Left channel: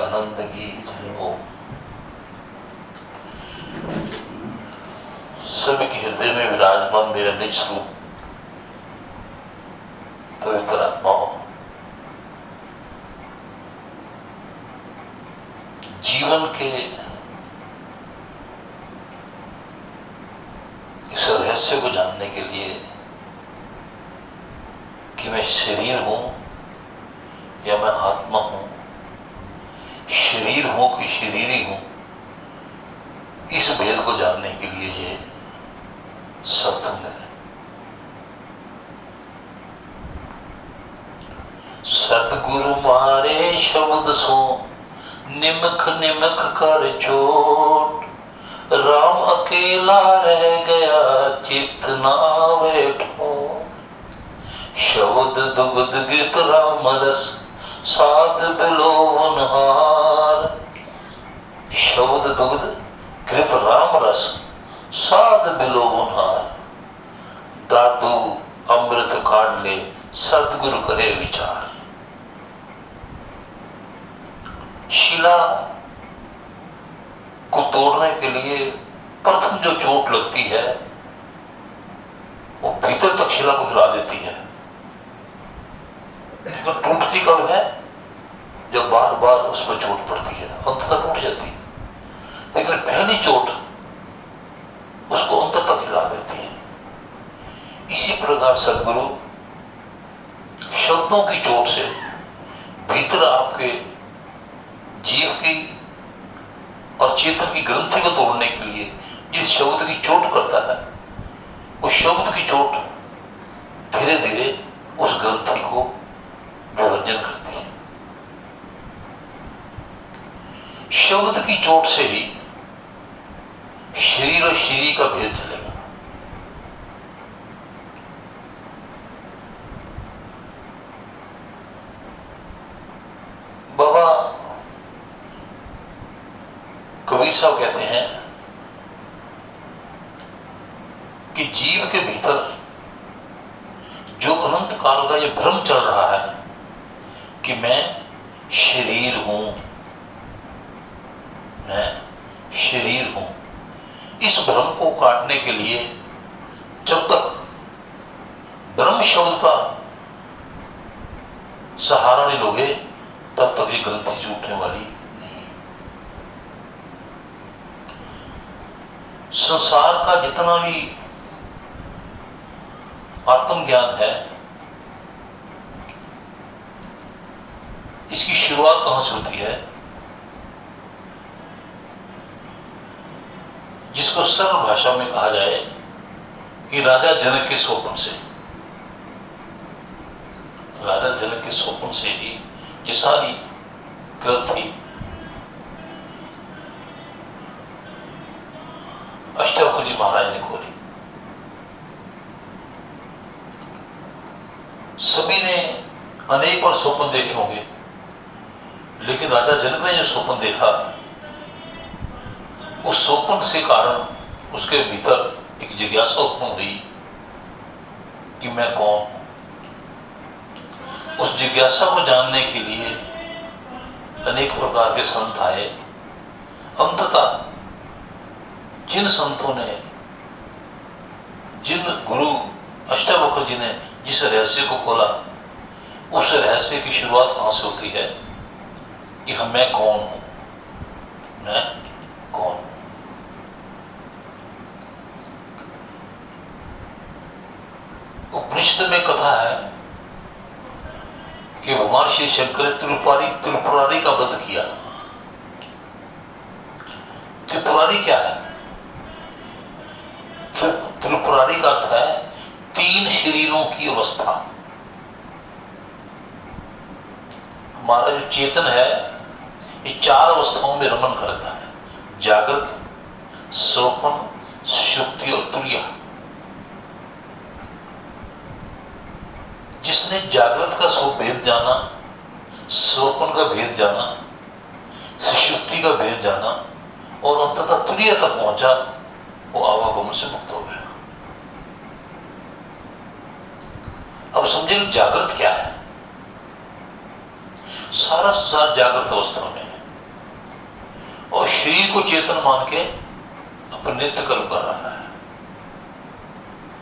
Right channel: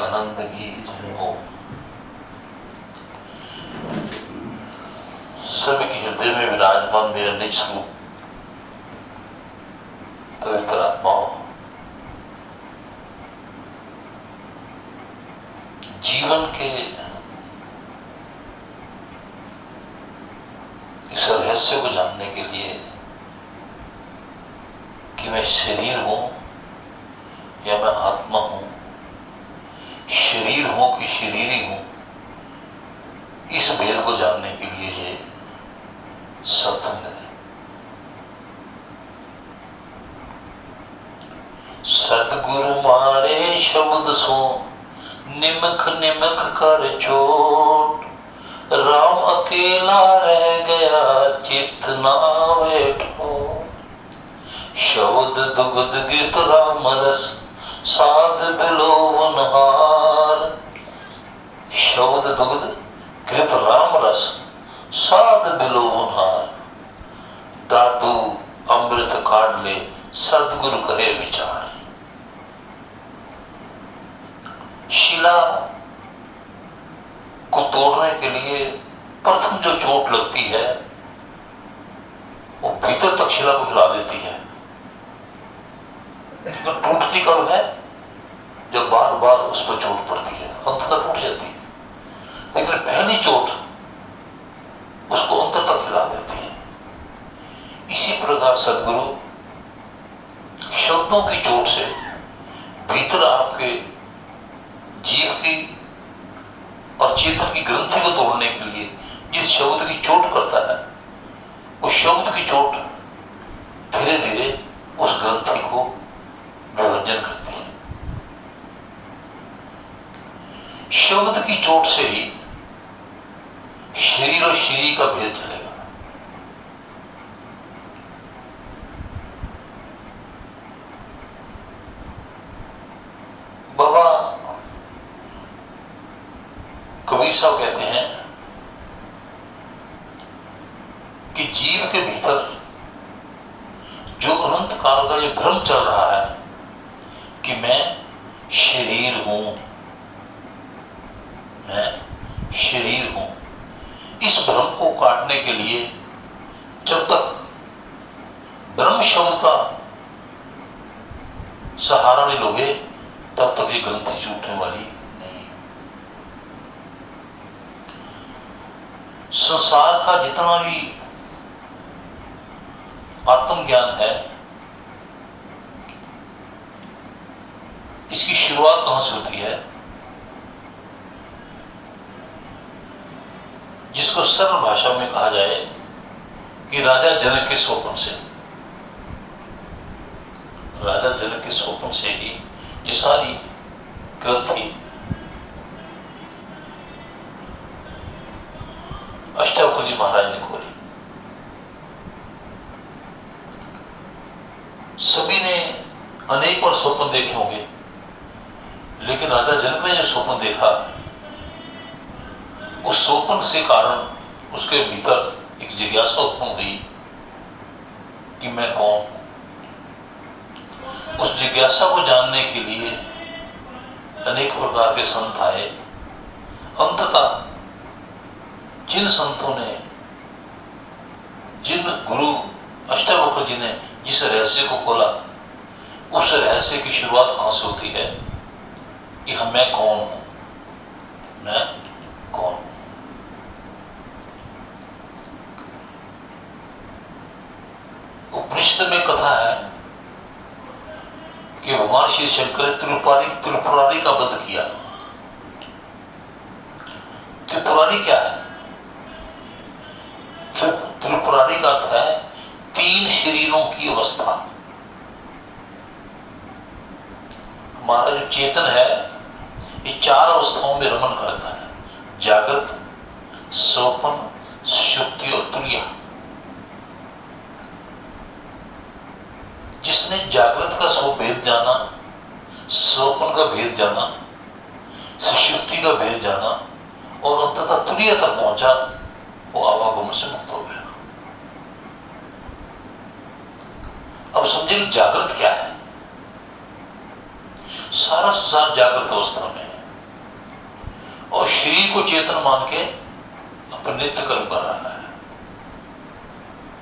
आनंद की जय। ओम। सभी के हृदय में विराजमान मेरा निज स्वरूप पवित्र आत्माओं, जीवन के इस रहस्य को जानने के लिए कि मैं शरीर हूं या मैं आत्मा हूं, शरीर हूं कि शरीरी हूं, इस भेद को जानने के लिए ये सत्संग है। सतगुरु मारे शब्द सो निमख निमख कर चोट, राम अकेला रह गया चित ना बैठो। शब्द दुग्ध गित राम रस साध बिलोवनहार। शब्द दुग्ध गित राम रस साध बिलोवनहार। दादू अमृत काढ़ ले सतगुरु कहे विचार। शिला को तोड़ने के लिए प्रथम जो चोट लगती है वो भीतर तक शिला को हिला देती है, लेकिन टूटती कब है? जब बार बार उस पर चोट पड़ती है, अंततः टूट जाती है। लेकिन पहली चोट उसको अंतर तक हिला देती है। इसी प्रकार सदगुरु शब्दों की चोट से भीतर आपके जीव की और चेतन की ग्रंथि को तोड़ने के लिए जिस शब्द की चोट करता है, उस शब्द की चोट धीरे धीरे उस ग्रंथि को विभजन करती है। शब्द की चोट से ही शरीर और शरीर का भेद चलेगा। बाबा कबीर साहब कहते हैं कि जीव के भीतर जो अनंत काल का ये भ्रम चल रहा है कि मैं शरीर हूं, मैं शरीर हूं, इस भ्रम को काटने के लिए जब तक ब्रह्म शब्द का सहारा नहीं लोगे तब तक ये ग्रंथि छूटने वाली नहीं। संसार का जितना भी आत्मज्ञान है, इसकी शुरुआत कहां से होती है? जिसको सरल भाषा में कहा जाए कि राजा जनक के स्वप्न से। राजा जनक के स्वप्न से ही ये सारी ग्रंथि अष्टावक्र जी महाराज ने खोली। सभी ने अनेक बार स्वप्न देखे होंगे, लेकिन राजा जनक ने जो स्वप्न देखा, उस स्वप्न से कारण उसके भीतर एक जिज्ञासा उत्पन्न हुई कि मैं कौन हूं। उस जिज्ञासा को जानने के लिए अनेक प्रकार के संत आए। अंततः जिन संतों ने, जिन गुरु अष्टावक्र जी ने जिस रहस्य को खोला, उस रहस्य की शुरुआत कहां से होती है कि मैं कौन हूं, मैं कौन हूं। उपनिषद में कथा है कि भगवान श्री शंकर ने त्रिपुरारी का वध किया। त्रिपुरारी क्या है? त्रिपुरारी का अर्थ है तीन शरीरों की अवस्था। हमारा जो चेतन है ये चार अवस्थाओं में रमन करता है: जागृत, स्वप्न, सुषुप्ति और तुरिया। जिसने जागृत का भेद जाना, स्वप्न का भेद जाना, सुषुप्ति का भेद जाना और अंततः तुरिया तक पहुंचा, वो आवागमन से मुक्त हो गया। अब समझे कि जागृत क्या है। सारा संसार जागृत अवस्था में है। और शरीर को चेतन मान के अपने नित्य कर्म कर रहा है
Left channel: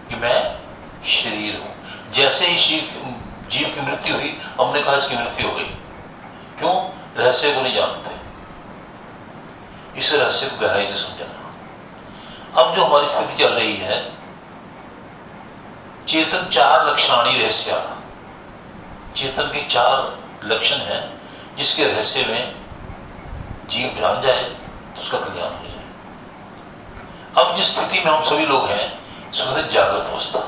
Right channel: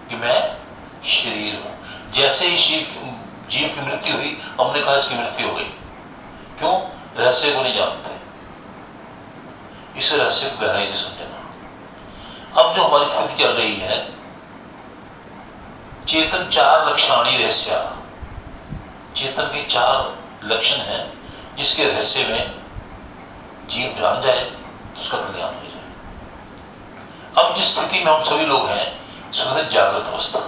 कि मैं शरीर हूं। जैसे ही जीव की मृत्यु हुई, हमने कहा इसकी मृत्यु हो गई। क्यों? रहस्य को नहीं जानते। इस रहस्य को गहराई से समझना। अब जो हमारी स्थिति चल रही है, चेतन चार लक्षणाणी रहस्य, चेतन के चार लक्षण हैं जिसके रहस्य में जीव जान जाए तो उसका कल्याण हो जाए। अब जिस स्थिति में हम सभी लोग हैं, इसको कहते हैं जागृत अवस्था।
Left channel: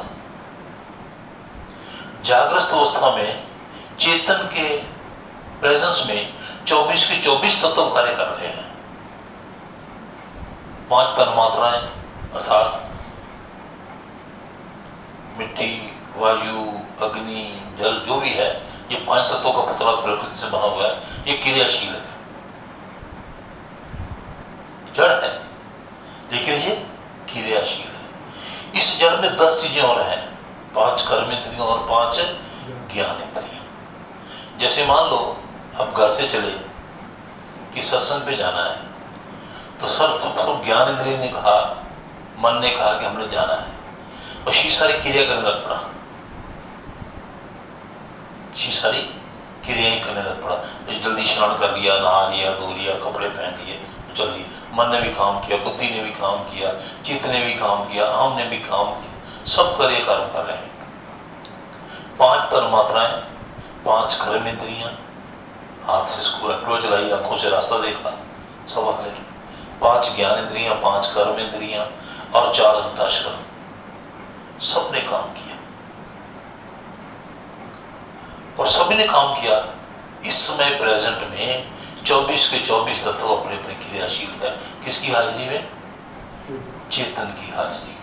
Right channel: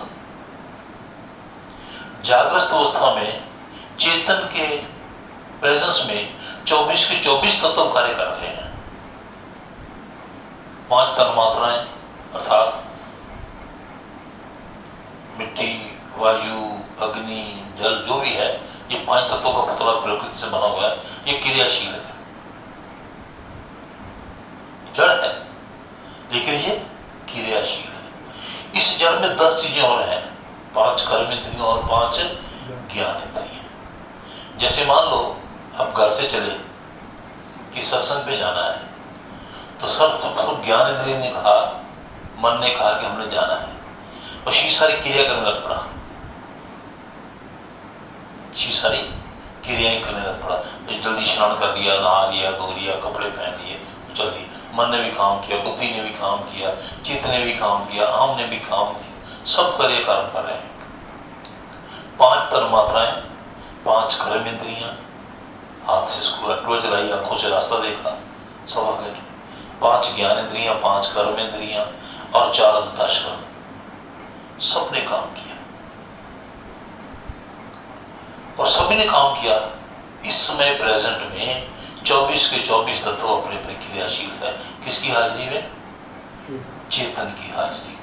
जागृत अवस्था में चेतन के प्रेजेंस में 24 के 24 तत्व कार्य कर रहे हैं। 5 तन्मात्राएं अर्थात मिट्टी, वायु, अग्नि, जल जो भी है, ये 5 तत्वों का पुतला प्रकृति से बना हुआ है। ये क्रियाशील है, जड़ है, लेकिन ये क्रियाशील है। इस जड़ में 10 चीजें और हैं, 5 कर्म इंद्रियों और 5 ज्ञान इंद्रियां। जैसे मान लो अब घर से चले कि सत्संग पे जाना है, तो सब ज्ञान इंद्रिय ने कहा, मन ने कहा कि हमने जाना है, और शी सारी क्रिया करने लग पड़ा, शी सारी क्रियाएं करने लग पड़ा। जल्दी स्नान कर लिया, नहा लिया, धो लिया, कपड़े पहन लिए, चल दिए। मन ने भी काम किया, बुद्धि ने भी काम किया, चित्त ने भी काम किया, आम ने भी काम किया, सब कार्य कर्म कर रहे हैं। 5 तन्मात्राएं, 5 कर्म इंद्रियां, हाथ से एक्टिवा चलाई, आंखों से रास्ता देखा, सब आ गए। 5 ज्ञान इंद्रियां, 5 कर्म इंद्रियां और 4 अंतःकरण, सबने काम किया और सभी ने काम किया। इस समय प्रेजेंट में 24 के 24 तत्व अपने अपने क्रियाशील है। किसकी हाजिरी में? चेतन की हाजिरी में।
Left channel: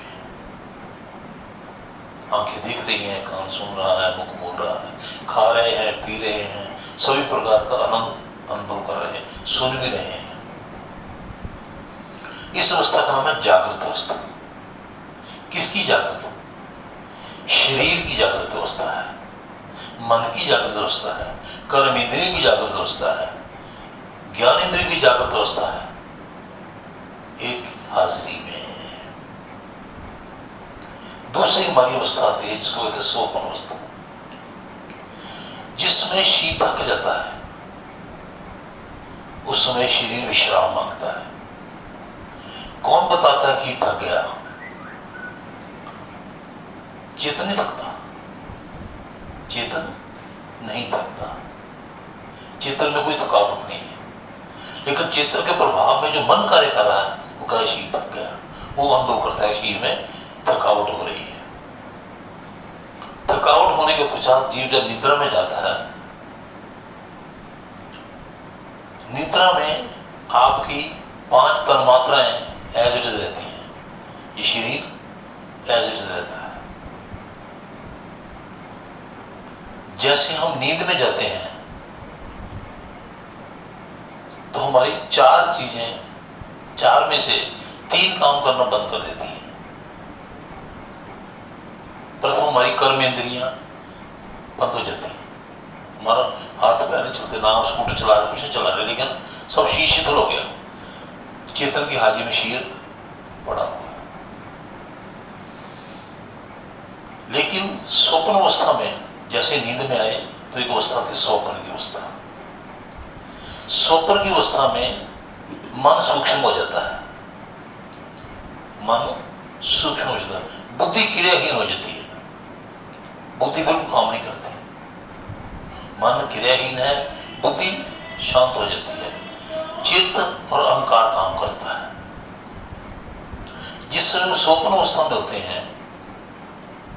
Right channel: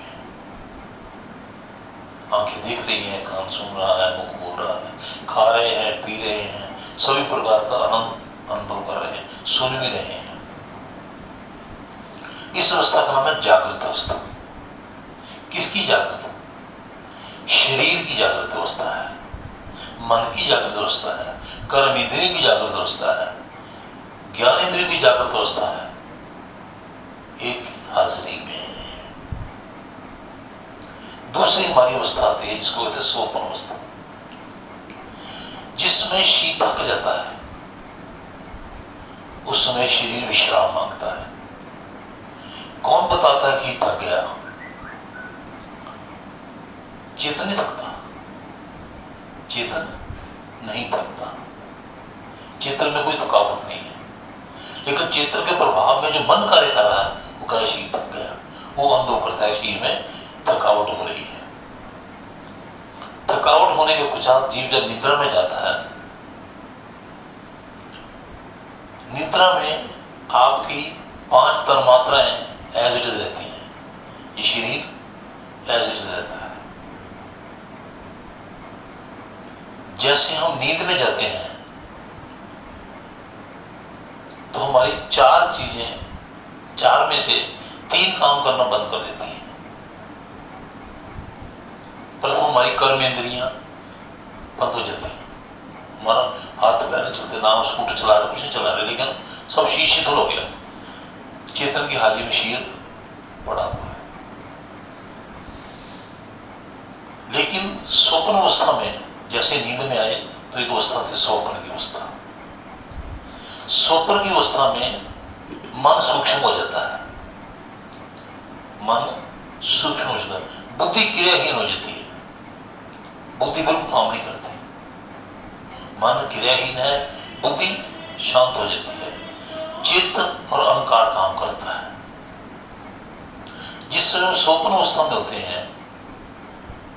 आंखें देख रही हैं, कान सुन रहा है, मुख बोल रहा है, खा रहे हैं, पी रहे हैं, सभी प्रकार का आनंद अनुभव कर रहे हैं, सुन भी रहे हैं। इस अवस्था का नाम है जागृत अवस्था। किसकी जागृत? शरीर की जागृत अवस्था है, मन की जागृत अवस्था है, कर्म इंद्रियों की जागृत अवस्था है, ज्ञान इंद्रियों की जागृत अवस्था है, एक हाजिरी में। दूसरी हमारी अवस्था आती है जिसको कहते हैं स्वप्न अवस्था, जिसमें शरीर थक जाता है, उस समय शरीर विश्राम मांगता है। कौन बताता है कि थक गया? चेतन नहीं थकता, चेतन नहीं थकता, चेतन में कोई थकावट नहीं है। लेकिन चेतन के प्रभाव में जो मन कार्य कर रहा है, वो कहे शरीर थक गया, वो अनुभव करता है शरीर में थकावट हो रही है। थकावट होने के पश्चात जीव जब निद्रा में जाता है, निद्रा में आपकी 5 तन्मात्राएं एज इट इज रहती हैं, ये शरीर एज इट इज रहता है। जैसे हम नींद में जाते हैं तो हमारी 4 चीजें, 4 में से 3 काम करना बंद कर देती हैं। प्रथम हमारी कर्म इंद्रियां बंद हो जाती हैं, हमारा हाथ पैर नहीं चलते, ना स्कूटर चला रहे, कुछ नहीं चला रहे, लेकिन सब शीशिथिल हो गया। चेतन की हाजिरी में शीर पड़ा हुआ है। लेकिन स्वप्न अवस्था में जैसे नींद में आए तो एक अवस्था थी स्वप्न की अवस्था। स्वप्न की अवस्था में मन सूक्ष्म हो जाता है, मन सूक्ष्म हो जाता है, बुद्धि क्रियाहीन हो जाती है, बुद्धि बिल्कुल काम नहीं करती, मन क्रियाहीन है, बुद्धि शांत हो जाती है, चित्त और अहंकार काम करता है। जिस समय स्वप्न अवस्था में होते हैं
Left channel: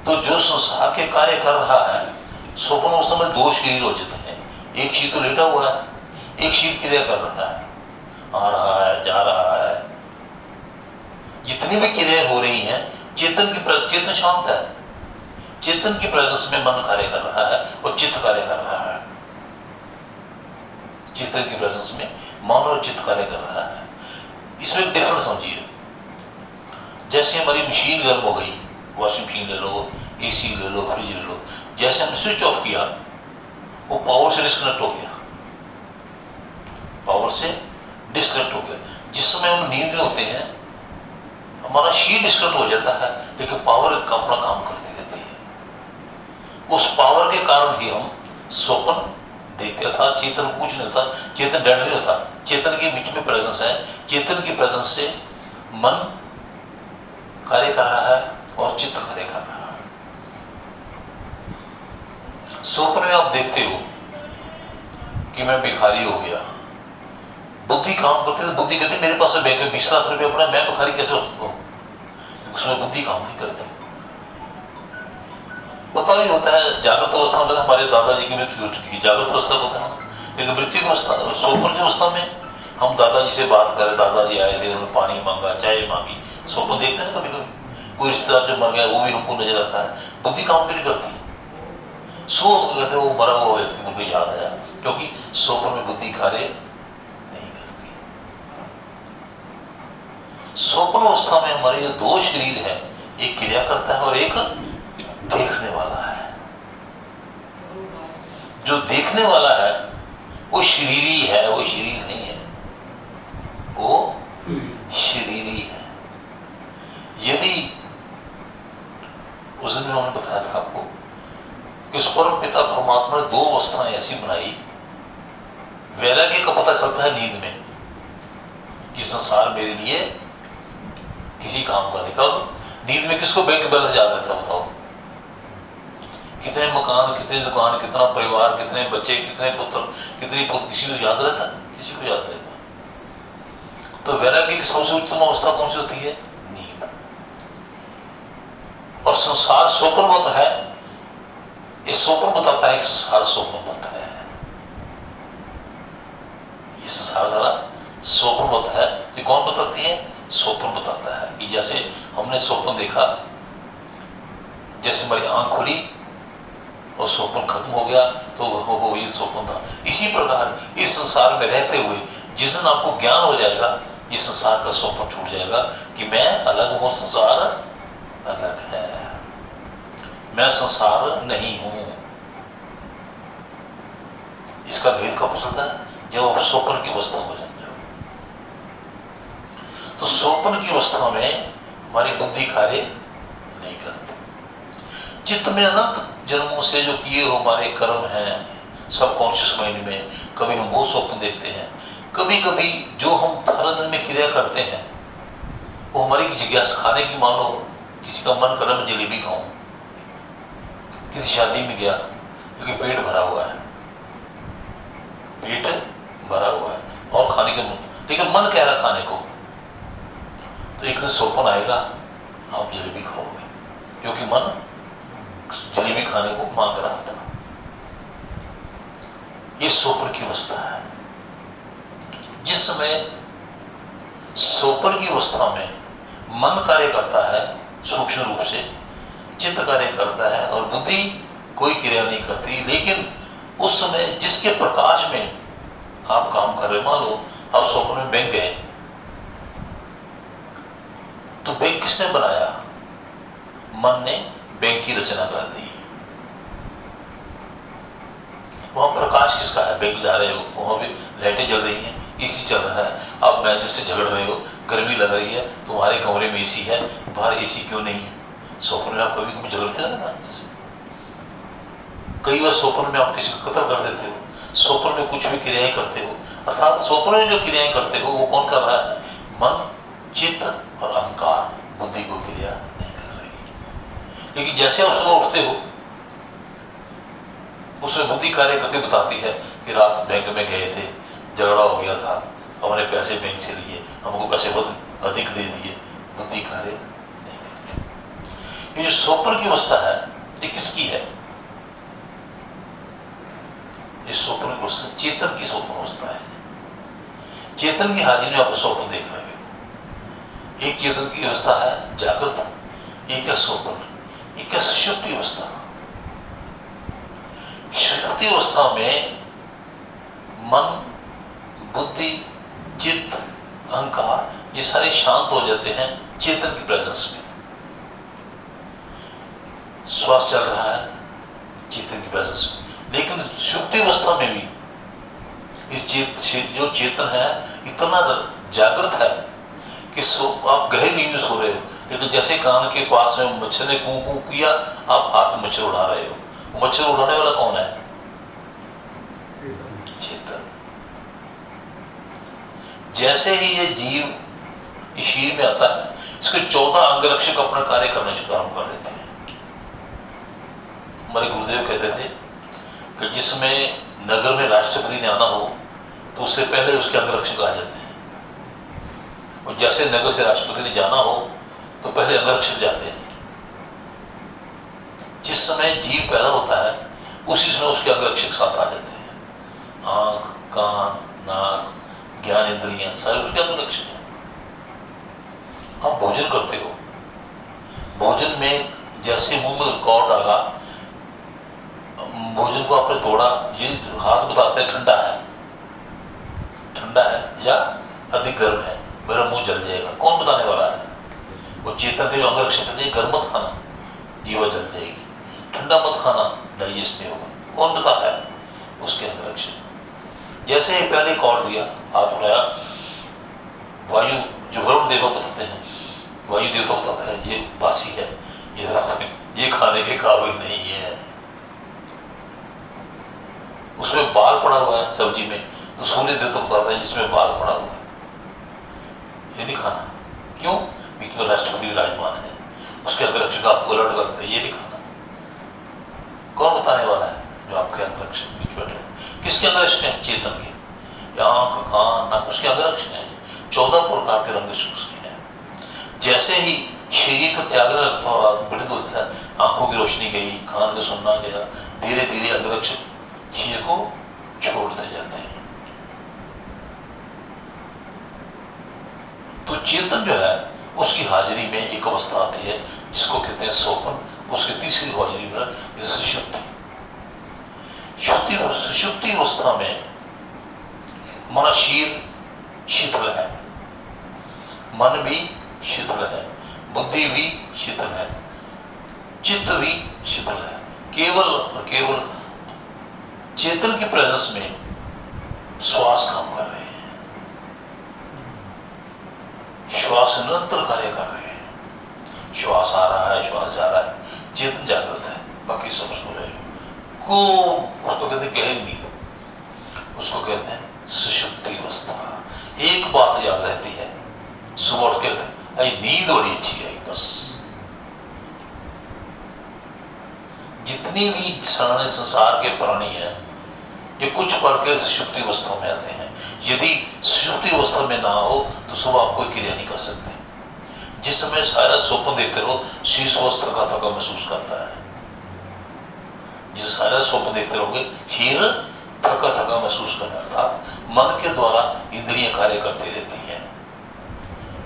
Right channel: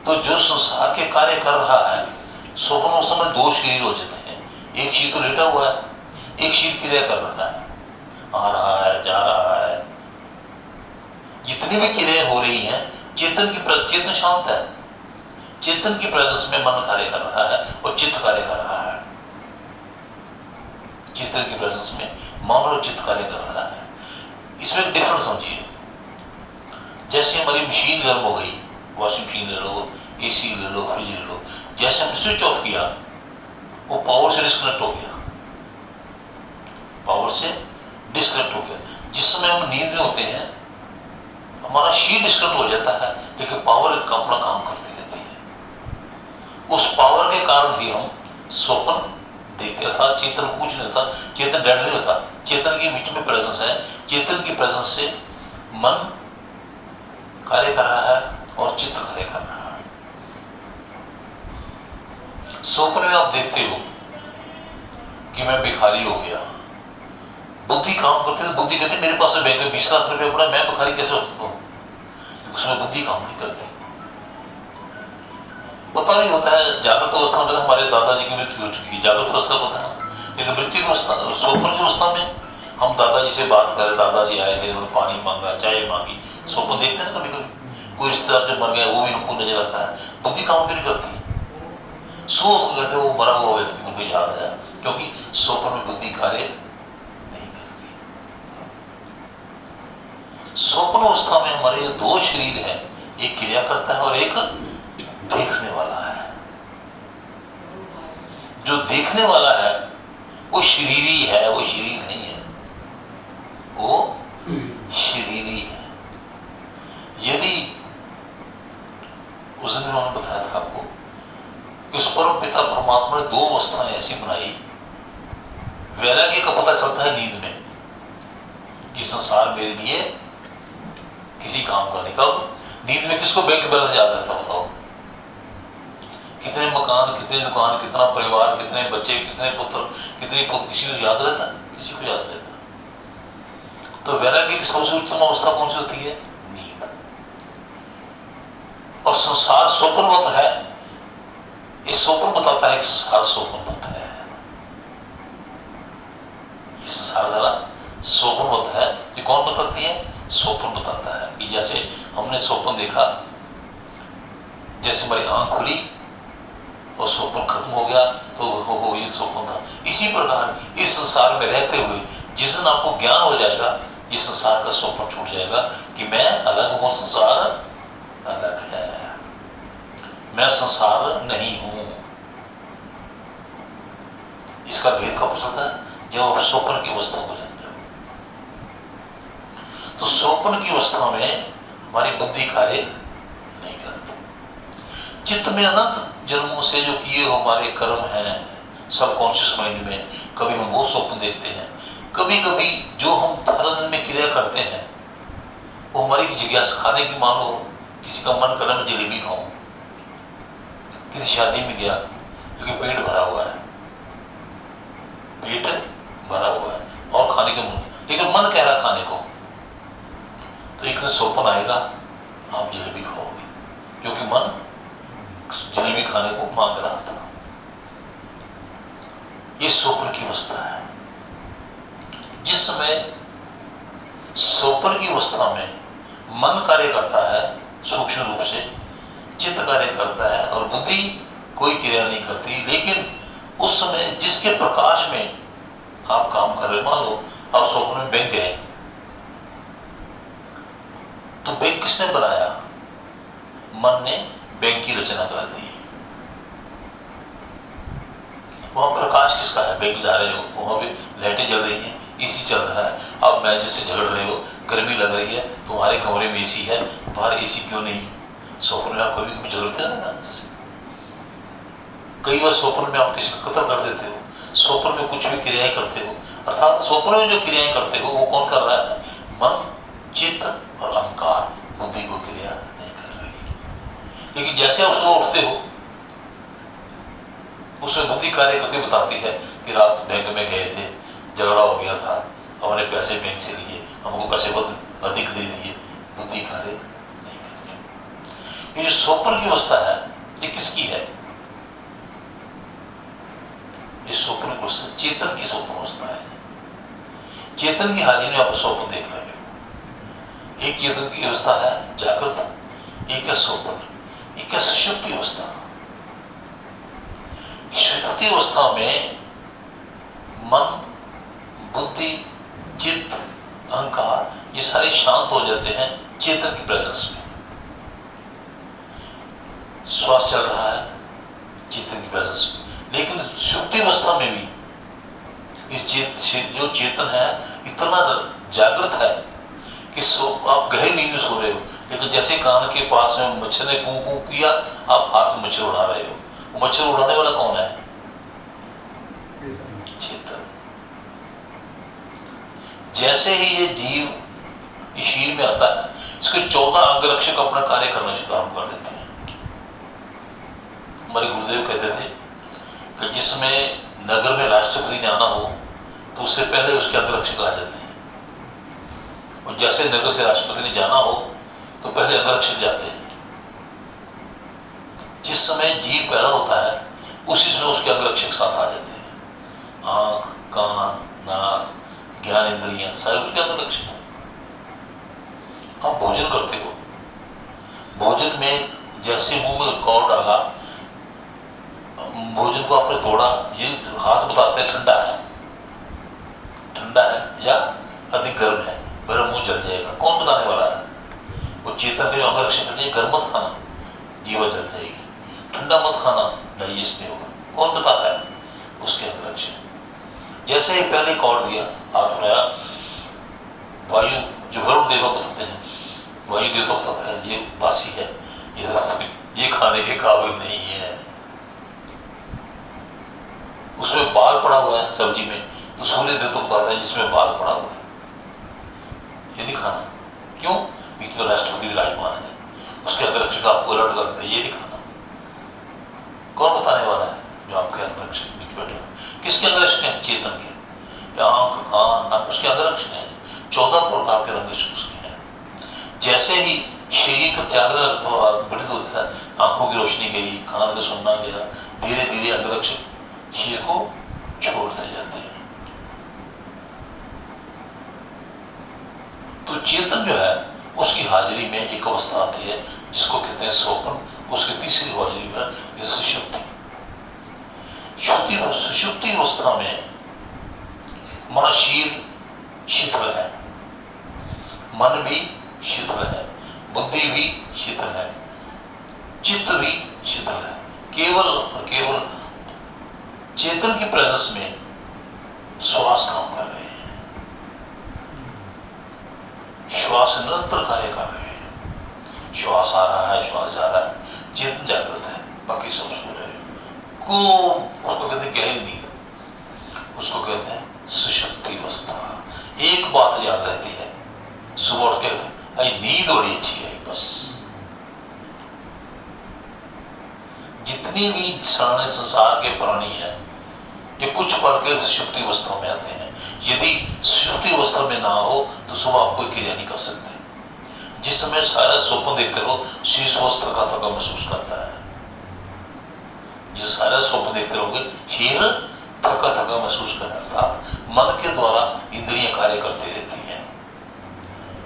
तो जो संसार के कार्य कर रहा है, स्वप्न अवस्था में 2 शरीर हो जाते हैं। एक शरीर तो लेटा हुआ है, एक शरीर क्रिया कर रहा है, आ रहा है, जा रहा है। जितनी भी क्रियाएं हो रही हैं, चेतन शांत है, चेतन की प्रेजेंस में मन कार्य कर रहा है और चित्त कार्य कर रहा है। चेतन की प्रेजेंस में मन और चित्त कार्य कर रहा है। इसमें एक डिफरेंस समझिए। जैसे हमारी मशीन गर्म हो गई, वॉशिंग मशीन ले लो, एसी ले लो, फ्रिज ले लो, जैसे हमने स्विच ऑफ किया वो पावर से डिस्कनेक्ट हो गया, पावर से डिस्कनेक्ट हो गया। जिस समय हम नींद में होते हैं हमारा शीट डिस्कनेक्ट हो जाता है, लेकिन पावर अपना काम करती रहती है। उस पावर के कारण ही हम स्वप्न देखते हैं। अर्थात चेतन कुछ नहीं होता, चेतन डेड नहीं होता, चेतन के बीच में प्रेजेंस है। चेतन की प्रेजेंस से मन कार्य कर रहा है और चित्त कार्य कर रहा है। स्वप्न में आप देखते हो कि मैं भिखारी हो गया, बुद्धि काम करती है। बुद्धि कहती है मेरे पास बैंक में 20 लाख रुपए पड़ा, मैं भिखारी कैसे हो सकता हूँ? उसमें बुद्धि काम नहीं करती। पता नहीं होता है जागृत अवस्था में हमारे दादाजी की मृत्यु हो चुकी है, जागृत अवस्था पता है, लेकिन मृत्यु की अवस्था, स्वप्न की अवस्था में हम दादाजी से बात करें, दादाजी आए थे, उन्होंने पानी मांगा, चाय मांगी। स्वप्न देखते हैं ना कभी कभी, कोई रिश्तेदार जब मर गया वो भी हमको नजर आता है। बुद्धि काम क्यों नहीं करती? सो कहते वो मरा हुआ व्यक्ति तुमको याद आया, क्योंकि स्वप्न में बुद्धि कार्य नहीं करती। स्वप्न अवस्था में हमारे दो शरीर है, एक क्रिया करता है और एक देखने वाला है। जो देखने वाला है वो शरीरी है, वो शरीर नहीं है, वो शरीरी है। यदि उस दिन उन्होंने बताया था आपको कि उस परम पिता परमात्मा ने दो अवस्थाएं ऐसी बनाई, वैराग्य का पता चलता है नींद में कि संसार मेरे लिए किसी काम का नहीं। कब? नींद में किसको बैंक बैलेंस याद रहता है बताओ? कितने मकान, कितने दुकान, कितना परिवार, कितने बच्चे, कितने पुत्र, कितनी पुत्र, किसी को याद रहता? किसी को याद रहता। तो वैराग्य की सबसे उत्तम अवस्था कौन सी होती है? नींद। और संसार स्वप्नवत है, इस स्वप्न बताता है कि संसार स्वप्नवत है। ये संसार सारा स्वप्नवत है। ये कौन बताती है? स्वप्न बताता है कि जैसे हमने स्वप्न देखा, जैसे हमारी आंख खुली और स्वप्न खत्म हो गया तो हो ये स्वप्न था। इसी प्रकार इस संसार में रहते हुए जिस दिन आपको ज्ञान हो जाएगा, इस संसार का स्वप्न छूट जाएगा कि मैं अलग हूं, संसार अलग है, मैं संसार नहीं हूं। इसका भेद कब चलता है? जब आप स्वप्न की अवस्था को जान जाओ। तो स्वप्न की अवस्था में हमारी बुद्धि कार्य नहीं करती। चित्त में अनंत जन्मों से जो किए हो हमारे कर्म हैं सबकॉन्शियस माइंड में, कभी हम वो स्वप्न देखते हैं, कभी कभी जो हम हर दिन में क्रिया करते हैं वो हमारी जिज्ञासा खाने की। मान लो किसी का मन कर रहा है मैं जलेबी खाऊं, किसी शादी में गया क्योंकि पेट भरा हुआ है, पेट भरा हुआ है और खाने के मन, लेकिन मन कह रहा खाने को, तो एक दिन स्वप्न आएगा आप जलेबी खाओगे, क्योंकि मन जलेबी खाने को मांग रहा था। ये स्वप्न की अवस्था है। जिस समय स्वप्न की अवस्था में मन कार्य करता है सूक्ष्म रूप से, चित्त कार्य करता है और बुद्धि कोई क्रिया नहीं करती, लेकिन उस समय जिसके प्रकाश में आप काम कर रहे, मान लो आप स्वप्न में बैंक गए, तो बैंक किसने बनाया? मन ने बैंक की रचना कर दी। वहां प्रकाश किसका है? बैंक जा रहे हो, वहां भी लाइटें जल रही हैं, एसी चल रहा है, आप मैजिक से झगड़ रहे हो, गर्मी लग रही है, तुम्हारे कमरे में एसी है, बाहर एसी क्यों नहीं है? स्वप्न में आप कभी कभी झगड़ते हो ना जैसे, कई बार स्वप्न में आप किसी को कत्ल कर देते हो, स्वप्न में कुछ भी क्रियाएं करते हो। अर्थात स्वप्न में जो क्रियाएं करते हो वो कौन कर रहा है? मन, चित्त और अहंकार, बुद्धि को क्रिया नहीं कर रही। लेकिन जैसे आप सुबह उठते हो उसमें बुद्धि कार्य करती बताती है कि रात बैंक में गए थे, झगड़ा हो गया था, हमने पैसे बैंक से लिए, हमको पैसे बहुत अधिक दे दिए, बुद्धि कार्य नहीं करती। ये जो स्वप्न की अवस्था है ये किसकी है? इस स्वप्न की अवस्था चेतन की स्वप्न अवस्था है। चेतन की हाजिरी में आप स्वप्न देख रहे हो। एक चेतन की अवस्था है जागृत, एक है स्वप्न, एक है सुषुप्ति अवस्था। सुषुप्ति अवस्था में मन, बुद्धि, चित्त, अहंकार ये सारे शांत हो जाते हैं चेतन की प्रेजेंस में। श्वास चल रहा है चेतन की प्रेजेंस में, लेकिन सुषुप्ति अवस्था में भी जो चेतन है इतना जागृत है कि आप गहरी नींद में सो रहे हो, लेकिन जैसे कान के पास में मच्छर ने कू कू किया, आप हाथ से मच्छर उड़ा रहे हो। वो मच्छर उड़ाने वाला कौन है? चेतन। जैसे ही ये जीव इस शरीर में आता है, इसके 14 अंगरक्षक अपना कार्य करना शुरू कर देते हैं। हमारे गुरुदेव कहते थे कि जिसमें नगर में राष्ट्रपति ने आना हो तो उससे पहले उसके अंगरक्षक आ जाते हैं, और जैसे नगर से राष्ट्रपति ने जाना हो तो पहले अंगरक्षक जाते हैं। जिस समय जीव पैदा होता है उसी समय उसके अंगरक्षक साथ आ जाते हैं। आंख, कान, नाक, ज्ञान इंद्रियां सारे उसके अंगरक्षक हैं। आप भोजन करते हो, भोजन में जैसे मुंह में कौर डाला, भोजन को आपने तोड़ा, ये हाथ बताता है ठंडा है या अधिक गर्म है, मेरा मुंह जल जाएगा। कौन बताने वाला है? वो चेतन के जो अंगरक्षक कहते हैं गर्म मत खाना, जीवा जल जाएगी, ठंडा मत खाना, डाइजेस्ट नहीं होगा। कौन बता रहा है? उसके अंगरक्षक। जैसे ही पहले कौर दिया, हाथ उठाया, वायु जो वरुण देवा बताते हैं, वायु देवता बताता है ये बासी है, ये खाने के काबिल नहीं है। उसमें बाल पड़ा हुआ है सब्जी में, तो सूर्य देवता बताता है जिसमें बाल पड़ा हुआ है ये नहीं खाना। क्यों? बीच में राष्ट्रपति विराजमान है, उसके अंगरक्षक आपको अलर्ट कर देते हैं ये नहीं खाना। कौन बताने वाला है? जो आपके अंगरक्षक बीच बैठे हैं। किसके अंगरक्षक हैं? चेतन के। आंख, कान, नाक उसके अंगरक्षक हैं। 14 प्रकार के अंगरक्षक उसके हैं। जैसे ही शरीर का त्यागने लगता है, पीड़ित होता है, आंखों की रोशनी गई, कान का सुनना गया, धीरे धीरे अंगरक्षक शरीर को छोड़ते जाते हैं। तो चेतन जो है उसकी हाजिरी में एक अवस्था आती है जिसको कहते हैं सोपन। उसकी तीसरी हाजिरी में जैसे सुषुप्ति। सुषुप्ति अवस्था में हमारा शरीर शीतल है, मन भी शीतल है, बुद्धि भी शीतल है, चित्त भी शीतल है। केवल और केवल चेतन की प्रेजेंस में श्वास काम कर रहे हैं, श्वास निरंतर कार्य कर रहे हैं। श्वास आ रहा है, श्वास जा रहा है, चेतन जागृत है, बाकी सब सो रहे हैं। उसको कहते हैं गहरी नींद, उसको कहते हैं सुषुप्ति अवस्था। एक बात याद रहती है, सुबह उठ के कहते हैं अरे नींद बड़ी अच्छी आई। बस जितनी भी सारे संसार के प्राणी हैं ये कुछ पढ़ के सुषुप्ति अवस्था में आते हैं। यदि सुषुप्ति अवस्था में ना हो तो सुबह आप कोई क्रिया नहीं कर सकते। जिस समय सारा स्वप्न देखते रहो, शरीर स्वस्थ थका थका महसूस करता है। जिस सारा स्वप्न देखते रहोगे, शरीर थका थका महसूस करता है, अर्थात मन के द्वारा इंद्रियां कार्य करती रहती हैं।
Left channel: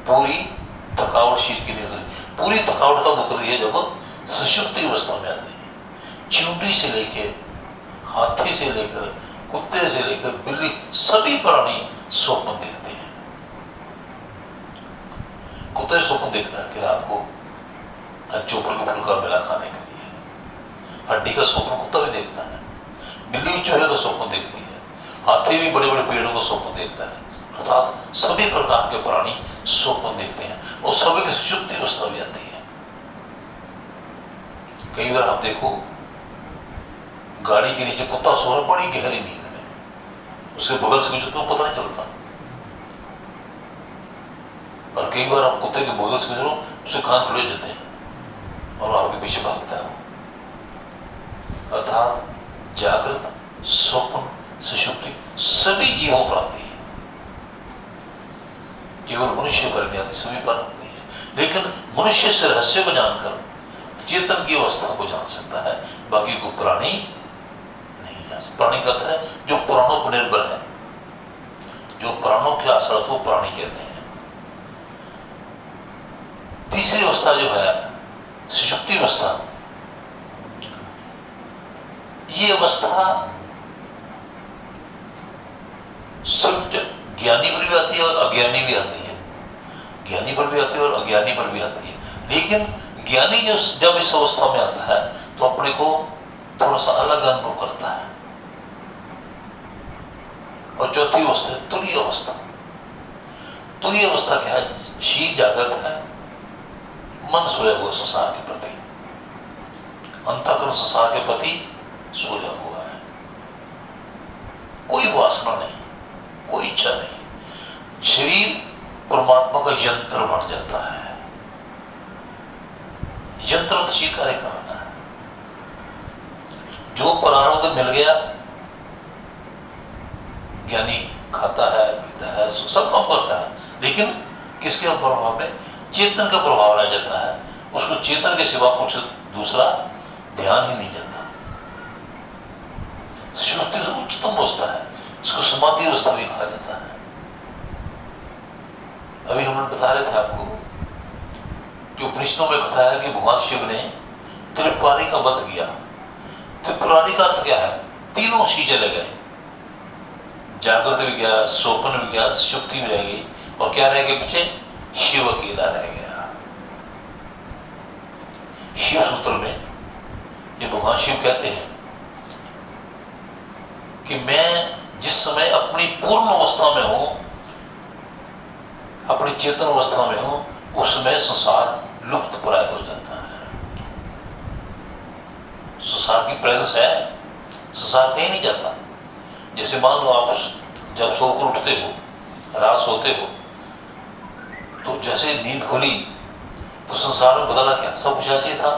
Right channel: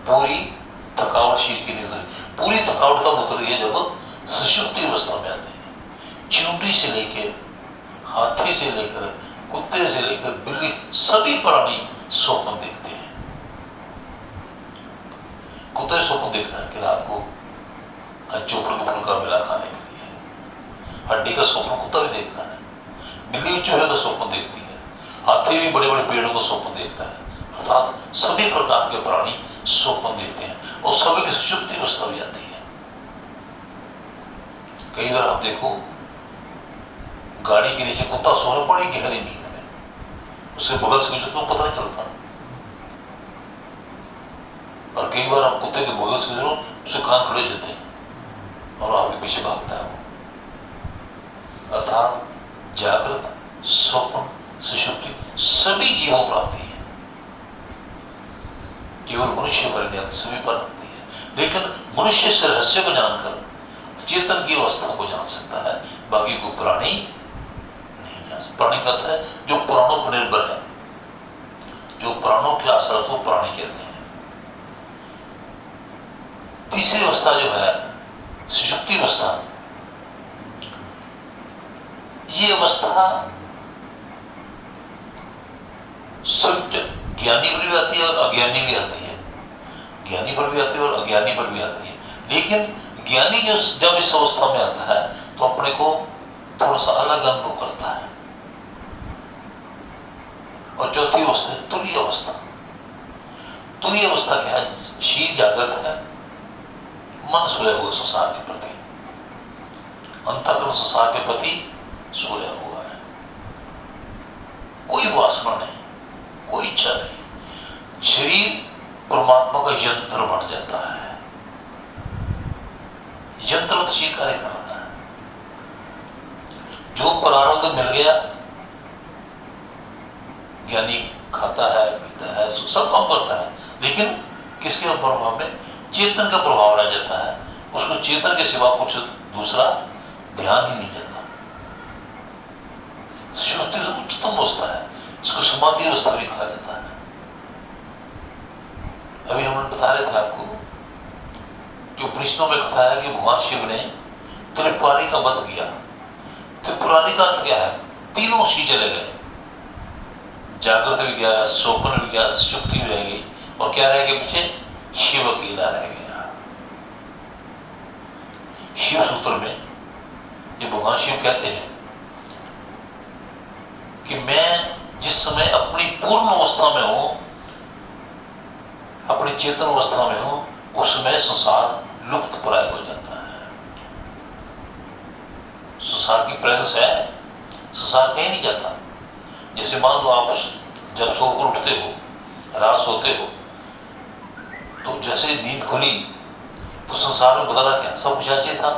पूरी थकावट शरीर की नहीं उतरी। पूरी थकावट तब उतरती है जब सुषुप्ति अवस्था में आते हैं। चींटी से लेके हाथी से लेकर कुत्ते से लेकर बिल्ली, सभी प्राणी स्वप्न देखते हैं। कुत्ते स्वप्न देखता है कि रात को चोपर के फूल का मेला खाने के लिए। हड्डी का स्वप्न कुत्ता भी देखता है, बिल्ली भी चूहे का स्वप्न देखती है, हाथी भी बड़े बड़े पेड़ों का स्वप्न देखता है। अर्थात सभी प्रकार के प्राणी स्वप्न देखते हैं और सभी की सुषुप्ति अवस्था भी आती है। कई बार आप देखो गाड़ी के नीचे कुत्ता सो रहा है बड़ी गहरी नींद में, उसके बगल से कुछ पता नहीं चलता। और कई बार आप कुत्ते के बगल से गुजरो, उसके कान खड़े हो जाते हैं और आपके पीछे भागता है वो। अर्थात जागृत, स्वप्न, सुषुप्ति सभी जीवों पर आती है। केवल मनुष्य पर नहीं आती, सभी पर आती है। लेकिन मनुष्य से रहस्य को जानकर चेतन की अवस्था को जान सकता है, बाकी को प्राणी नहीं जान सकता। प्राणी कहता है जो प्राणों पर निर्भर है, जो प्राणों के आश्रय को प्राणी कहते हैं। तीसरी अवस्था जो है सुषुप्ति अवस्था, ये अवस्था सब ज्ञानी पर भी आती है और अज्ञानी भी आती है। ज्ञानी पर भी आती है और अज्ञानी पर भी आती है। लेकिन ज्ञानी जो जब इस अवस्था में आता है तो अपने को थोड़ा सा अलग अनुभव करता है। और चौथी अवस्था है तुरीय अवस्था। तुरीय अवस्था क्या है? शील जागृत है, मन सोया हुआ संसार के प्रति, अंतःकरण संसार के प्रति सोया हुआ है, कोई वासना नहीं, कोई इच्छा नहीं। शरीर परमात्मा का यंत्र बन जाता है, यंत्र शील कार्य कर रहा है। जो प्रारब्ध मिल गया, ज्ञानी खाता है, पीता है, सब काम करता है, लेकिन किसके प्रभाव में? चेतन का प्रभाव रह जाता है। उसको चेतन के सिवा कुछ दूसरा ध्यान ही नहीं जाता। सुषुप्ति उच्चतम अवस्था है, इसको समाधि अवस्था भी कहा जाता है। अभी हम बता रहे थे आपको कि उपनिषदों में कथा है कि भगवान शिव ने त्रिपुरारी का वध किया। त्रिपुरारी का अर्थ क्या है? तीनों शी चले गए, जागृत भी गया, स्वप्न भी गया, सुषुप्ति भी रह गई, और क्या रह गया पीछे? शिव अकेला रह गया। शिव सूत्र में ये भगवान शिव कहते हैं कि मैं जिस समय अपनी पूर्ण अवस्था में हूं, अपनी चेतन अवस्था में हूं, उस समय संसार लुप्त प्राय हो जाता है। संसार की प्रेजेंस है, संसार कहीं नहीं जाता। जैसे मान लो आप जब सोकर उठते हो, रात सोते हो, तो जैसे नींद खुली तो संसार में बदला क्या? सब कुछ ऐसे था,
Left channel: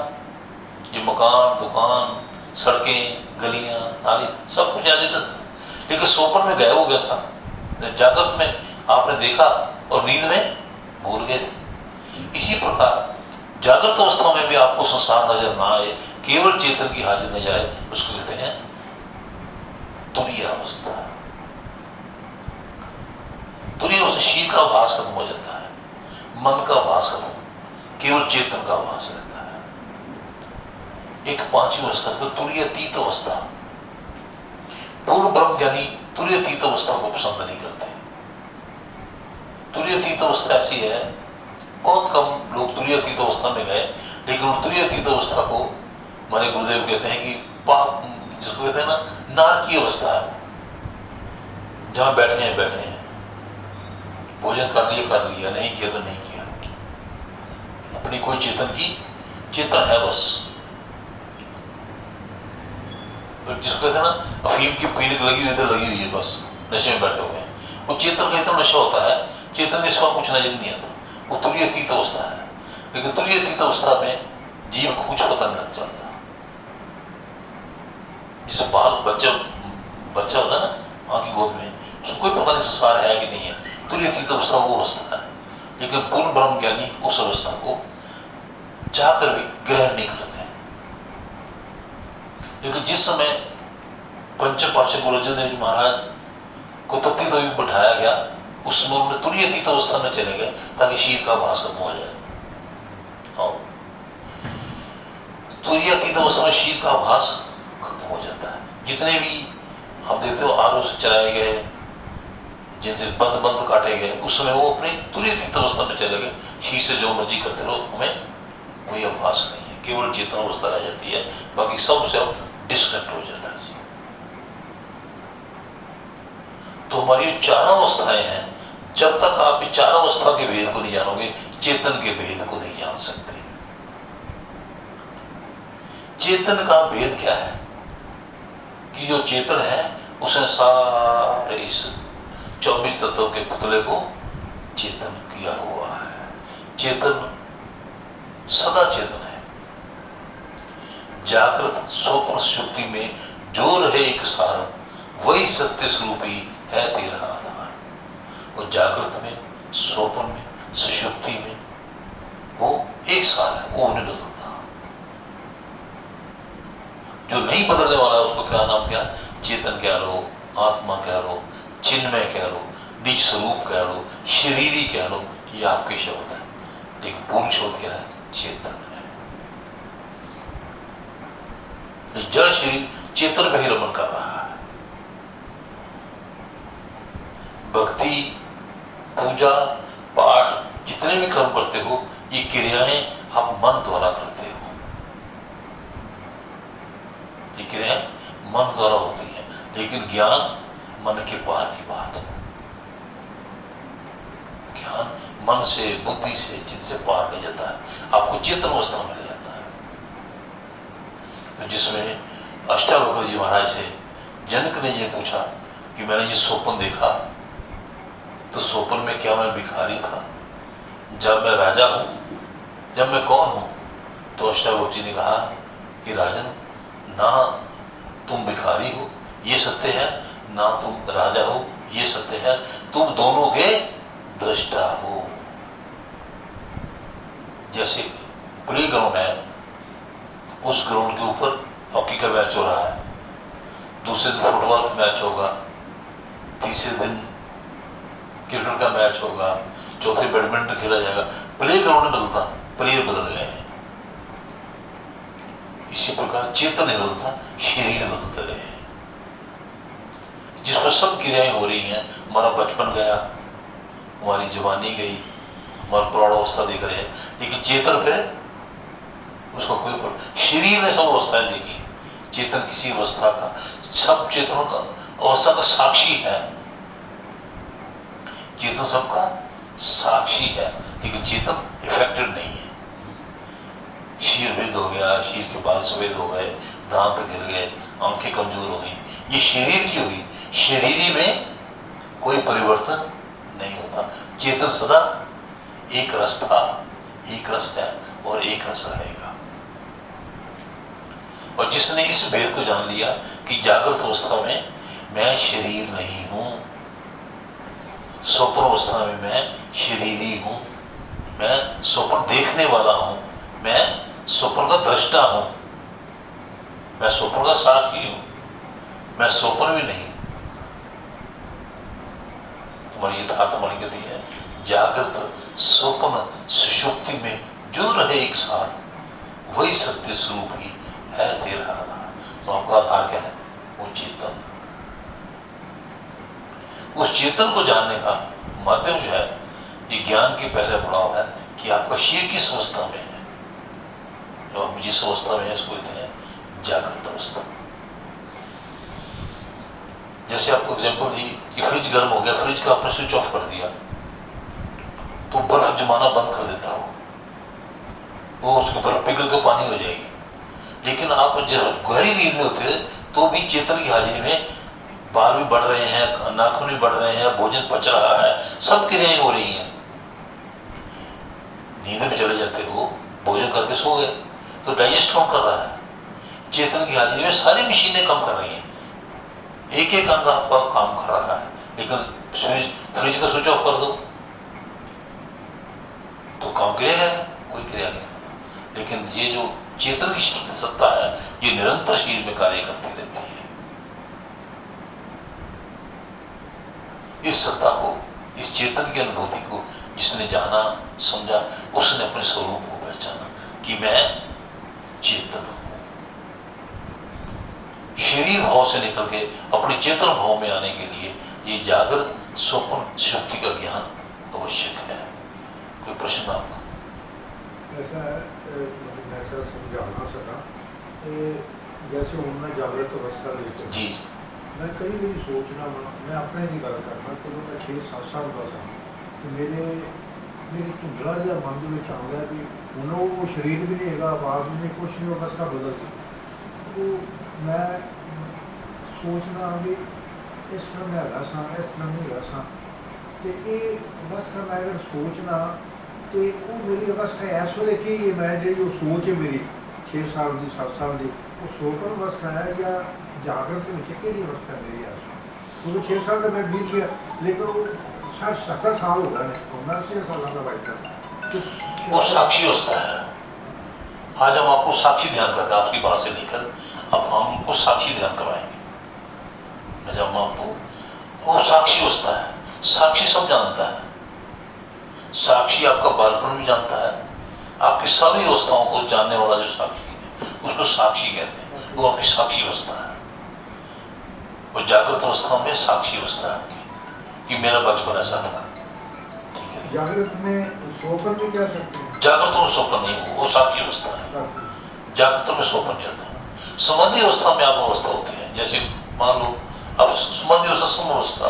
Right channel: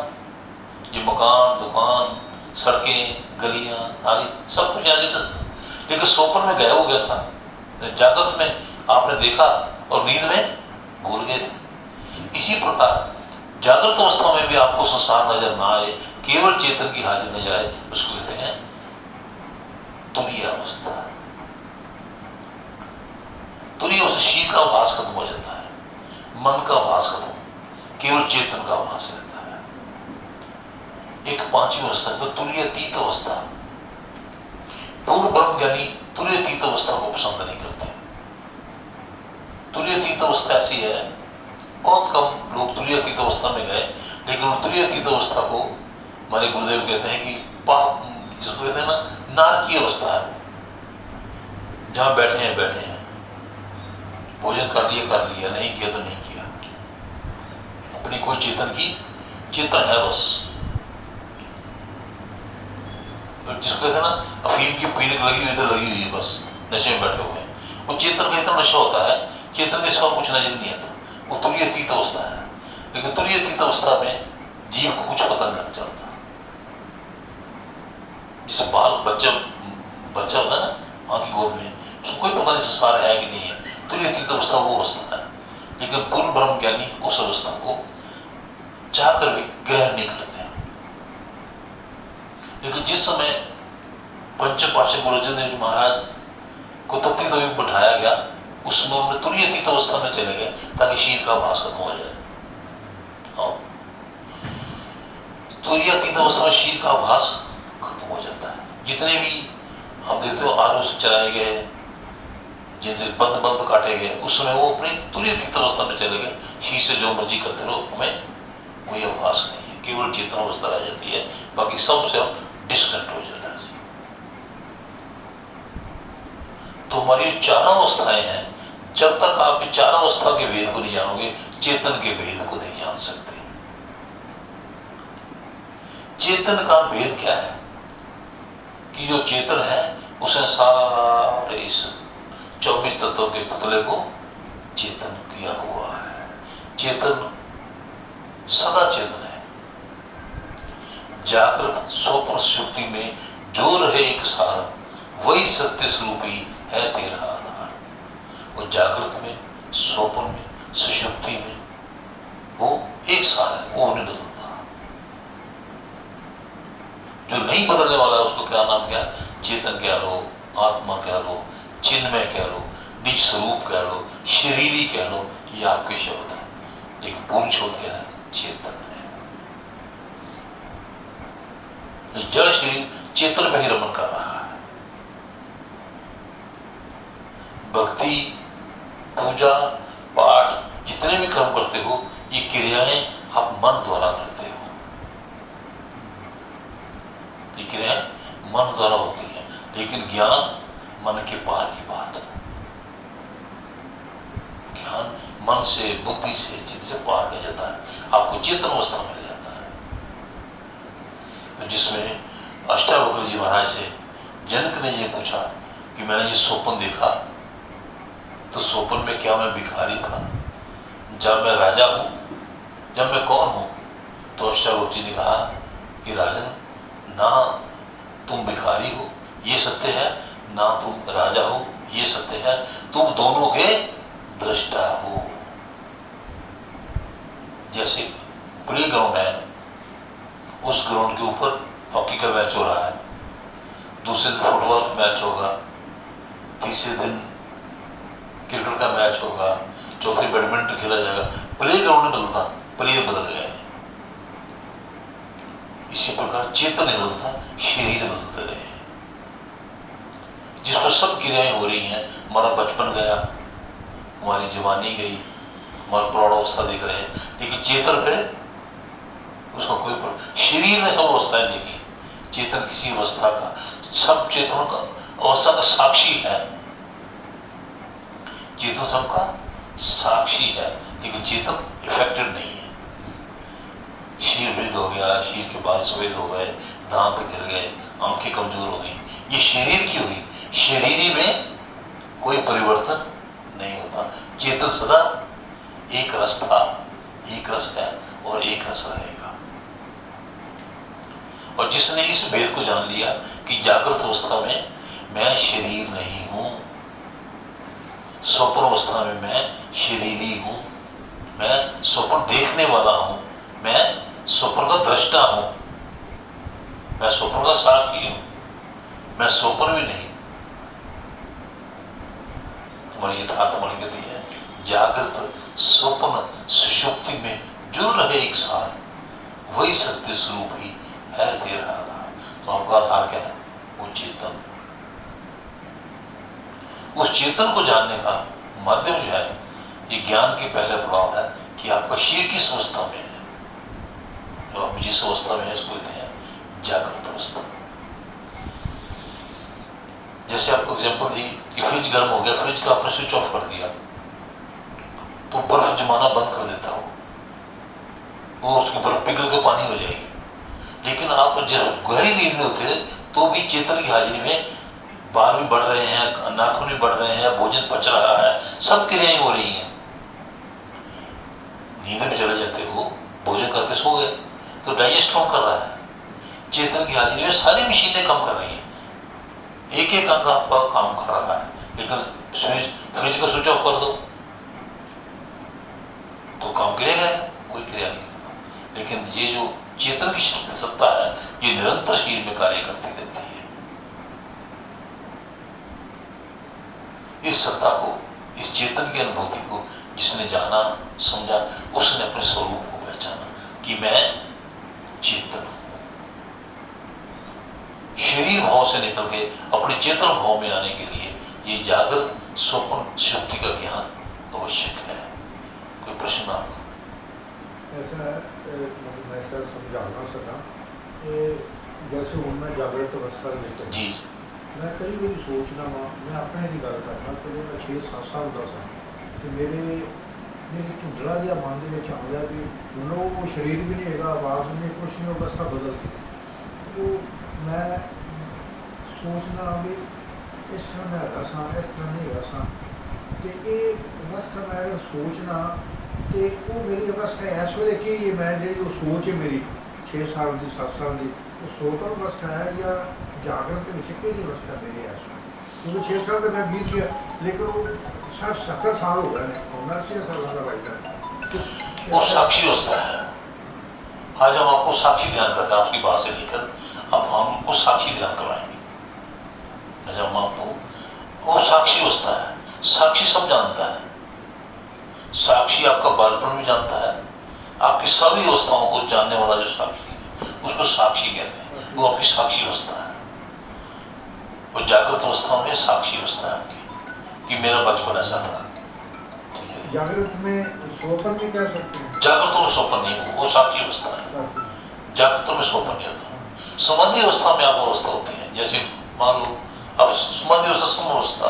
ये मकान, दुकान, सड़कें, गलियां, नाली, सब कुछ ऐसे, लेकिन स्वप्न में गायब हो गया था। जागृत में आपने देखा और नींद में भूल गए थे। इसी प्रकार जागृत अवस्था में भी आपको संसार नजर ना आए, केवल चेतन की हाजिर नजर आए, उसको कहते हैं तुरीय अवस्था। तुरीय अवस्था शील का आभास खत्म हो जाता है, मन का आभास खत्म, केवल चेतन का आभास रहता है। एक पांचवी अवस्था है तुरीयातीत अवस्था। पूर्ण ब्रह्म ज्ञानी तुरीयातीत अवस्था को पसंद नहीं करते। तुरीयातीत अवस्था ऐसी है, बहुत कम लोग तुरीयातीत अवस्था में गए, लेकिन तुरीयातीत अवस्था को हमारे गुरुदेव कहते हैं कि पाप, जिसको कहते हैं ना, नारकीय अवस्था है। जहां बैठे हैं बैठे हैं, भोजन कर लिया, नहीं किया तो नहीं किया, अपनी कोई चेतन है बस। जिसको कहते हैं ना, अफीम की पीने लगी हुई, इधर लगी हुई है, बस नशे में बैठे हुए हैं। वो चेतन का इतना नशा होता है, चेतन के सिवा कुछ नजर नहीं आता। वो तुरीयातीत अवस्था है। लेकिन तुरीयातीत अवस्था में जीव को कुछ पता नहीं लग चलता। जिस बच्चा होता है ना माँ की गोद में, उसको कोई पता नहीं संसार है कि नहीं है। तुरीयातीत अवस्था वो अवस्था है। लेकिन पूर्ण ब्रह्म ज्ञानी उस अवस्था को चाहकर भी ग्रहण नहीं करते। लेकिन जिस समय पंचम पातशाह गुरु अर्जुन देव जी महाराज को तत्व तो बैठाया गया, उसमें उन्होंने तुरीयातीत अवस्था में चले गए ताकि शील का आभास खत्म हो जाए। तुरीयातीत अवस्था में शील का आभास खत्म हो जाता है। जितने भी आप देखते हो आरों से चलाए गए, जिनसे बंद काटे गए, उस समय वो अपनी तुरीयातीत अवस्था में चले गए। शील से जो मर्जी करते रहो, हमें कोई आभास नहीं है, केवल चेतन अवस्था रह जाती है, बाकी सबसे अब डिस्कनेक्ट हो जाता है। तो हमारी चारों अवस्थाएं हैं, जब तक आप चार अवस्था के भेद को नहीं जानोगे, चेतन के भेद को नहीं जान सकते। चेतन का भेद क्या है? कि जो चेतन है उसने सारे इस 24 तत्वों के पुतले को चेतन किया हुआ है। चेतन सदा चेतन है। जागृत स्वप्न सुषुप्ति में जो रहे एक सार, वही सत्य स्वरूपी है तेरा आधार। वो जागृत में, स्वप्न में, सुषुप्ति में वो एक सार है, वो नहीं बदलता। जो नहीं बदलने वाला है उसको क्या नाम? क्या? चेतन कह लो, आत्मा कह लो, चिन्मय कह लो, निज स्वरूप कह लो, शरीरी कह लो, ये आपके शब्द है। लेकिन पूर्ण शब्द क्या है? चेतन है। जड़ शरीर चेतन पे ही रमन कर रहा है। भक्ति, पूजा, पाठ, जितने भी कर्म करते हो, ये क्रियाएं आप मन द्वारा करते हो। ये क्रियाएं मन द्वारा होती हैं, लेकिन ज्ञान मन के पार की बात है। ज्ञान मन से, बुद्धि से, चित्त से पार ले जाता है, आपको चेतन अवस्था में ले जाता है। तो जिसमें अष्टावक्र जी महाराज से जनक ने ये पूछा कि मैंने ये स्वप्न देखा, तो स्वप्न में क्या मैं भिखारी था, जब मैं राजा हूं, जब मैं कौन हूं? तो अष्टावक्र जी ने कहा कि राजन, ना तुम भिखारी हो ये सत्य है, ना तुम राजा हो ये सत्य है, तुम दोनों के दृष्टा हो। जैसे प्ले ग्राउंड है, उस ग्राउंड के ऊपर हॉकी का मैच हो रहा है, दूसरे दिन फुटबॉल का मैच होगा, तीसरे दिन क्रिकेट का मैच होगा, चौथे बैडमिंटन खेला जाएगा। प्ले ग्राउंड बदलता, प्लेयर बदल गए। इसी प्रकार चेतन नहीं बदलता, शरीर बदलते रहे। जिस पर सब क्रियाएं हो रही हैं, हमारा बचपन गया, हमारी जवानी गई, हमारा प्रौढ़ावस्था देख रहे हैं, लेकिन चेतन पे उसका कोई शरीर ने सब अवस्थाएं देखी, चेतन किसी अवस्था का, सब चेतनों का अवस्था का साक्षी है। चेतन सबका साक्षी है, लेकिन चेतन इफेक्टेड नहीं है। शीर वृद्ध हो गया, शीर के बाल सफेद हो गए, दांत गिर गए, आंखें कमजोर हो गई, ये शरीर की हुई। शरीरी में कोई परिवर्तन नहीं होता। चेतन सदा एक रस था, एक रस है और एक रस रहेगा। और जिसने इस भेद को जान लिया कि जागृत अवस्था में मैं शरीर नहीं हूं, स्वप्न अवस्था में मैं शरीरी हूं, मैं स्वप्न देखने वाला हूं, मैं स्वप्न का दृष्टा हूं, मैं स्वप्न का साक्षी हूं, मैं स्वप्न भी नहीं। तुम्हारी यथार्थ वाणी कहती है, जागृत स्वप्न सुषुप्ति में जो रहे एक साथ, वही सत्य स्वरूप ही है तेरा आधार। तो आपका आधार क्या है? वो चेतन। उस चेतन को जानने का माध्यम जो है, ये ज्ञान के पहले पड़ाव है कि आपका शरीर किस अवस्था में है। जो आप जिस अवस्था में है, इसको कहते हैं जागृत अवस्था। जैसे आपको एग्जांपल दी कि फ्रिज गर्म हो गया, फ्रिज का आपने स्विच ऑफ कर दिया, तो बर्फ जमाना बंद कर देता हो, वो उसकी बर्फ पिघल के पानी हो जाएगी। लेकिन आप जब गहरी नींद में होते तो भी चेतन की हाजिरी में बाल भी बढ़ रहे हैं, नाखून भी बढ़ रहे हैं, भोजन पच रहा है, सब क्रियाएं हो रही हैं। नींद में चले जाते हो, भोजन करके सो गए, तो डाइजेस्ट कौन कर रहा है? चेतन की हाजिरी में सारी मशीनें काम कर रही हैं, एक एक अंग आपका काम कर रहा है। लेकिन फ्रिज का स्विच ऑफ कर दो तो काम करेगा? कोई क्रिया नहीं करता। लेकिन ये जो चेतन की शक्ति सत्ता है, ये निरंतर शरीर में कार्य करती रहती है। इस सत्ता को, इस चेतन की अनुभूति को जिसने जाना, समझा, उसने अपने स्वरूप को पहचाना कि मैं चेतन हूं। शरीर भाव से निकल के अपने चेतन भाव में आने के लिए ये जागृत स्वप्न शक्ति का ज्ञान आवश्यक है। कोई प्रश्न आपका? ऐसा मैं ऐसा समझाना सका कि जैसे हूँ मैं जागृत अवस्था लेकर जी, मैं कई बार सोचना वा, मैं अपने की गल करना, चलो मैं 6-7 साल का सा, तो मेरे धुंधला जिहा मन में आता भी हूँ वो शरीर भी नहीं है, आवाज़ भी नहीं, कुछ नहीं, अवस्था बदल गई। तो मैं सोचना भी इस तरह मैं हैगा सा, इस तरह नहीं हैगा सा, तो ये अवस्था मैं अगर सोचना तो वो मेरी अवस्था इस वे कि मैं जी सोच है मेरी 6 साल की 7 साल की, वो सोपन अवस्था है या जागृत कि अवस्था मेरी ऐसा? क्योंकि 6 साल तो मैं बीत गया, लेकिन वो 60-70 साल हो गए मैं 6 साल का बैठा। वो साक्षी अवस्था है। आज हम आपको साक्षी ध्यान करते हैं, आपकी बात से लेकर अब हम आपको साक्षी ध्यान करवाएंगे। आज हम आपको, वो साक्षी अवस्था है। साक्षी सब जानता है। साक्षी आपका बालपन भी जानता है, आपकी सभी अवस्थाओं को जानने वाला जो साक्षी है उसको साक्षी कहते हैं। वो आपकी साक्षी अवस्था है। वो जागृत अवस्था में साक्षी अवस्था है आपकी कि मेरा बचपन ऐसा था। ठीक है, जागृत में स्वप्न भी कह सकते हैं। जागृत में स्वप्न नहीं हो, वो साक्षी अवस्था है। जागृत में स्वप्न नहीं होता। समाधि अवस्था में आप अवस्था होती है। जैसे मान लो अब समाधि अवस्था सम अवस्था,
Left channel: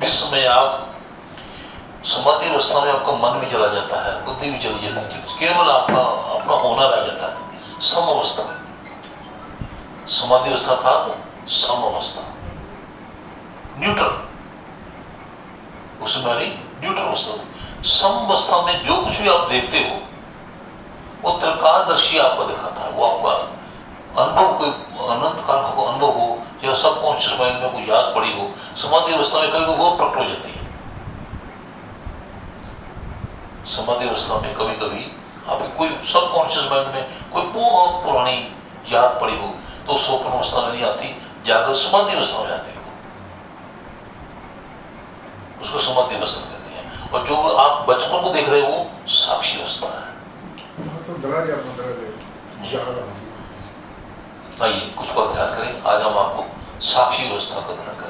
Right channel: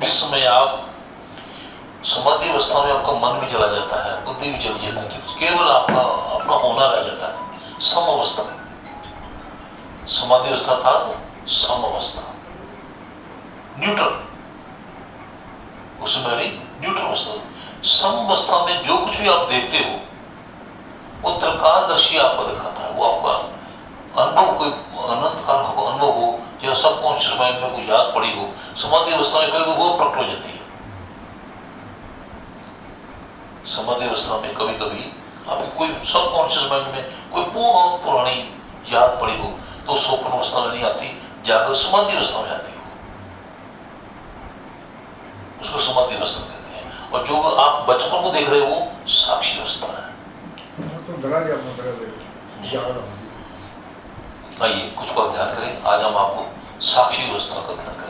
जिस समय आप समाधि अवस्था में आपका मन भी चला जाता है, बुद्धि भी चली जाती है, केवल आपका अपना होना रह जाता है, सम अवस्था। समाधि अवस्था था तो सम अवस्था, न्यूट्रल, उस समय नहीं, न्यूट्रल अवस्था। सम अवस्था में जो कुछ भी आप देखते हो वो त्रिकालदर्शी आपको दिखाता है, वो आपका अनुभव, कोई अनंत काल का अनुभव हो या सबकॉन्शियस माइंड में कोई याद पड़ी हो, समाधि अवस्था में कभी वो प्रकट हो जाती है। समाधि अवस्था में कभी कभी आपकी कोई सबकॉन्शियस माइंड में कोई बहुत पुरानी याद पड़ी हो तो स्वप्न अवस्था में नहीं आती, जाकर समाधि अवस्था में आती हो, उसको समाधि अवस्था कहते हैं। और जो आप बचपन को देख रहे हो वो साक्षी अवस्था है। तो डरा गया मतलब याद आइए कुछ पल ध्यान करें। आज हम आपको साक्षी अवस्था का ध्यान करें।